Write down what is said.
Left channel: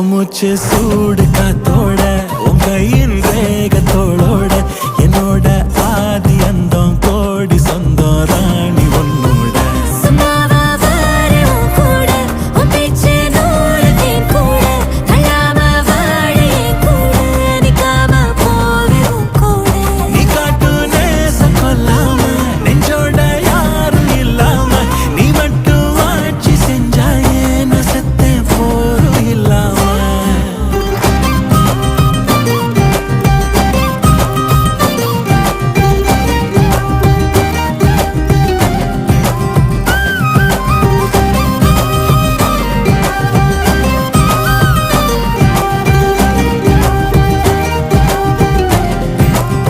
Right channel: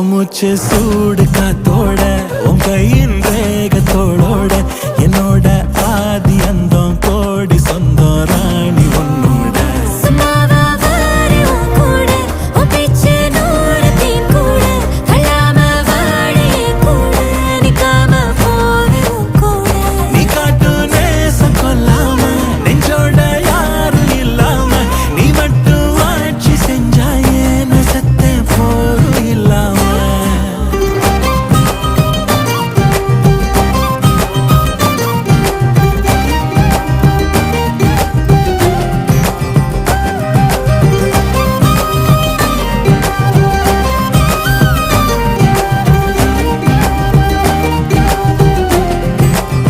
மூச்சு சூடு காத்தோட உன் கையின் ரேகத்தோளோட என்னோட ஆதி அந்தம் கோடி சொந்தம் ராணி